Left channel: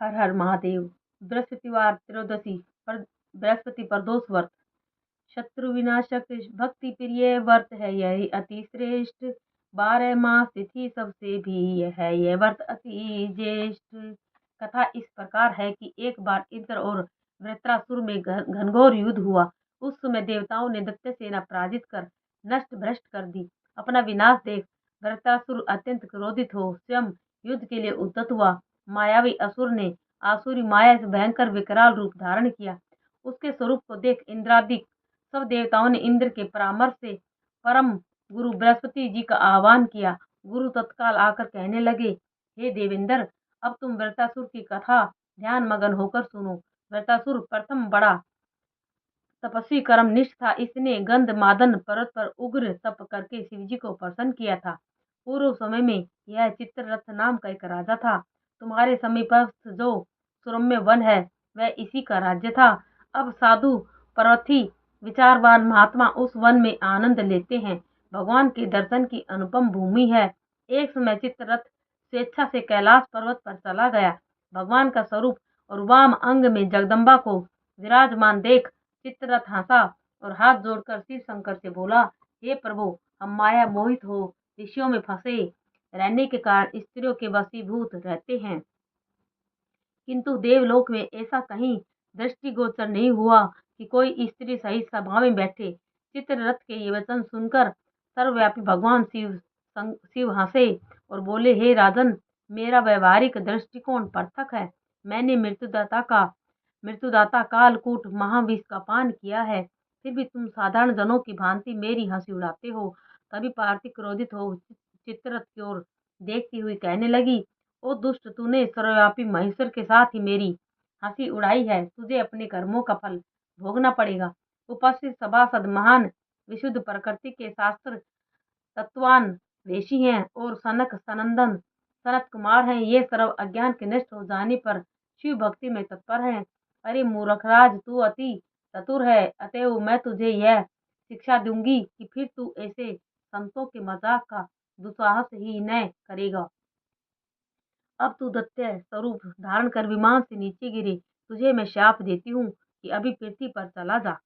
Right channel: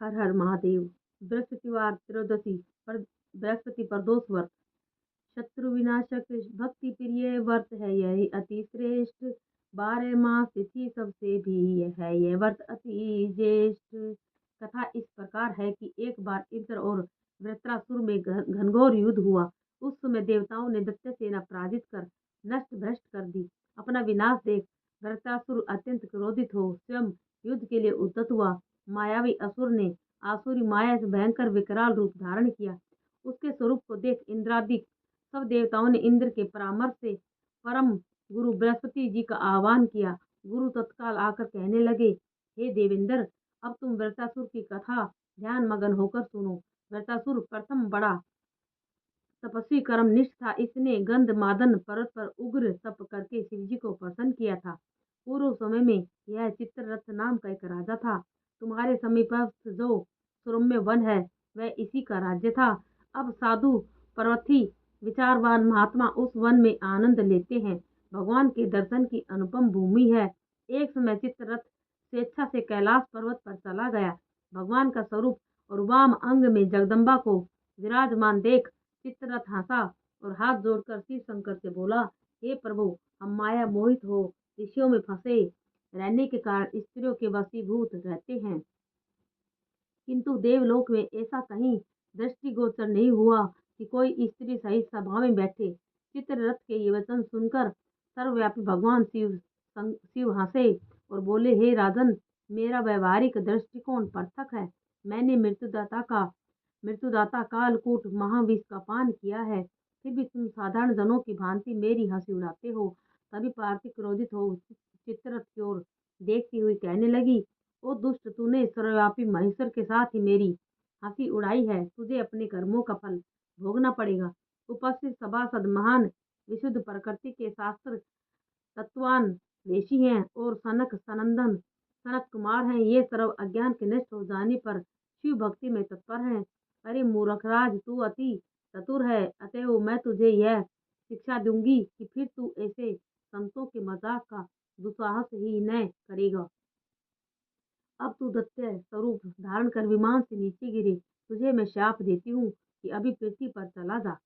हर हर महादेव। बृहस्पतिवार त्रयोदशी पर बृहस्पति प्रदोष व्रत। शत्रु विनाशक भक्ति प्रिय व्रत है यही अति श्रेष्ठ। 12 मास तिथि सबसे भी है यह व्रत अति ज्येष्ठ। कथा इस प्रकार है कि एक बार इंद्र और वृत्रासुर में घनघोर युद्ध हुआ। उस समय देवताओं ने दैत्य सेना पराजित कर नष्ट भ्रष्ट कर दी। अपना विनाश देख वृत्रासुर अत्यंत क्रोधित हो स्वयं युद्ध के लिए उद्यत हुआ। मायावी असुर ने आसुरी माया से भयंकर विकराल रूप धारण किया। उसके स्वरूप को देख इंद्रादि सब देवताओं ने इंद्र के परामर्श से परम गुरु बृहस्पति जी का आह्वान किया। गुरु तत्काल आकर कहने लगे, हे देवेंद्र, अब तुम वृत्रासुर की कथा ध्यान मगन होकर सुनो। वृत्रासुर प्रथम बड़ा तपस्वी कर्मनिष्ठ था। इसने गंध मादन पर्वत पर उग्र तप करके शिवजी को प्रसन्न किया था। पूर्व समय में यह चित्ररथ नाम का एक राजा था। तुम्हारे समीपस्थ जो सुरम्य वन है वह इसी का राज्य था। अब साधु पर्वती विचारवान महात्मा उस वन में आनंद लेते हैं। भगवान के दर्शन की अनुपम भूमि है। एक समय चित्ररथ स्वेच्छा से कैलाश पर्वत पर चला गया। भगवान का स्वरूप और वाम अंग में जगदम्बा को विराजमान देख चित्ररथ हंसा और हाथ जोड़कर शिव शंकर से बोला, हे प्रभु, हम माया मोहित हो ऋषियों में फंसे रहने के कारण स्त्रियों के वशीभूत रहते हैं, किंतु देवलोक में ऐसा कहीं दृष्टिगोचर नहीं हुआ कि कोई स्त्री सही सभा में बैठे। चित्ररथ के ये वचन सुनकर सर्वव्यापी भगवान शिव हंसे और बोले, हे राजन, मेरा व्यवहारिक दृष्टिकोण पृथक है। मैंने मृत्युदाता कालकूट महाविष का पान किया है, फिर भी तुम साधारण जनों की भांति मेरी हंसी उड़ाते हो। तभी पार्थिव क्रोधित हो चित्ररथ की ओर देखती हुई कहने लगी, ओ दुष्ट, तूने सर्वव्यापी महेश्वर के साथ ही मेरी हंसी उड़ाई है। तुझे अपने कर्मों का फल भोगना पड़ेगा। उपस्थित सभासद महान विशुद्ध प्रकृति के शास्त्र तत्वान ऋषि हैं और सनत कुमार हैं। ये सर्व अज्ञान के नष्ट हो जाने पर शिव भक्ति में तत्पर हैं। अरे मूर्खराज, तू अति चतुर है, अतएव मैं तुझे यह शिक्षा दूंगी कि फिर तू ऐसे संतों के मजाक का दुस्साहस ही न करेगा। अब तू दैत्य स्वरूप धारण कर विमान से नीचे गिरे। तुझे मैं शाप देती हूँ कि अभी पृथ्वी पर चला जा।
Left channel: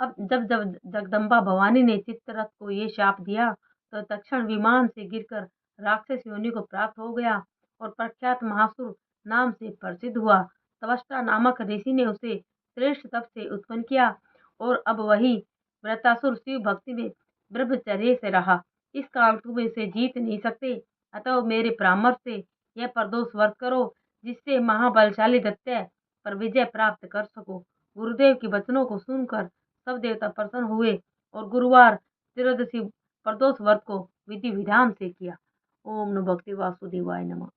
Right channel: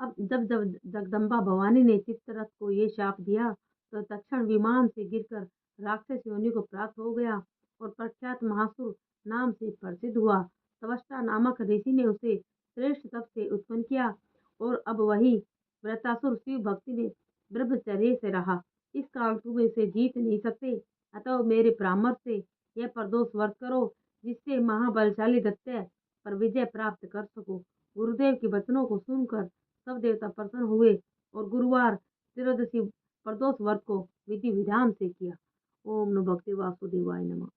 अब जब जब जगदम्बा भवानी ने चित्ररथ को ये शाप दिया तो तक्षण विमान से गिरकर राक्षस योनि को प्राप्त हो गया और प्रख्यात महासुर नाम से प्रसिद्ध हुआ। तवष्टा नामक ऋषि ने उसे श्रेष्ठ तप से उत्पन्न किया और अब वही वृत्रासुर शिव भक्ति में ब्रह्मचर्य से रहा। इस काल तुम इसे जीत नहीं सकते, अतः मेरे परामर्श से यह प्रदोष व्रत करो, जिससे महाबलशाली दैत्य पर विजय प्राप्त कर सको। गुरुदेव के वचनों को सुनकर सब देवता प्रसन्न हुए और गुरुवार त्रयोदशी प्रदोष व्रत को विधि विधान से किया। ओम नमो भगवते वासुदेवाय नमः।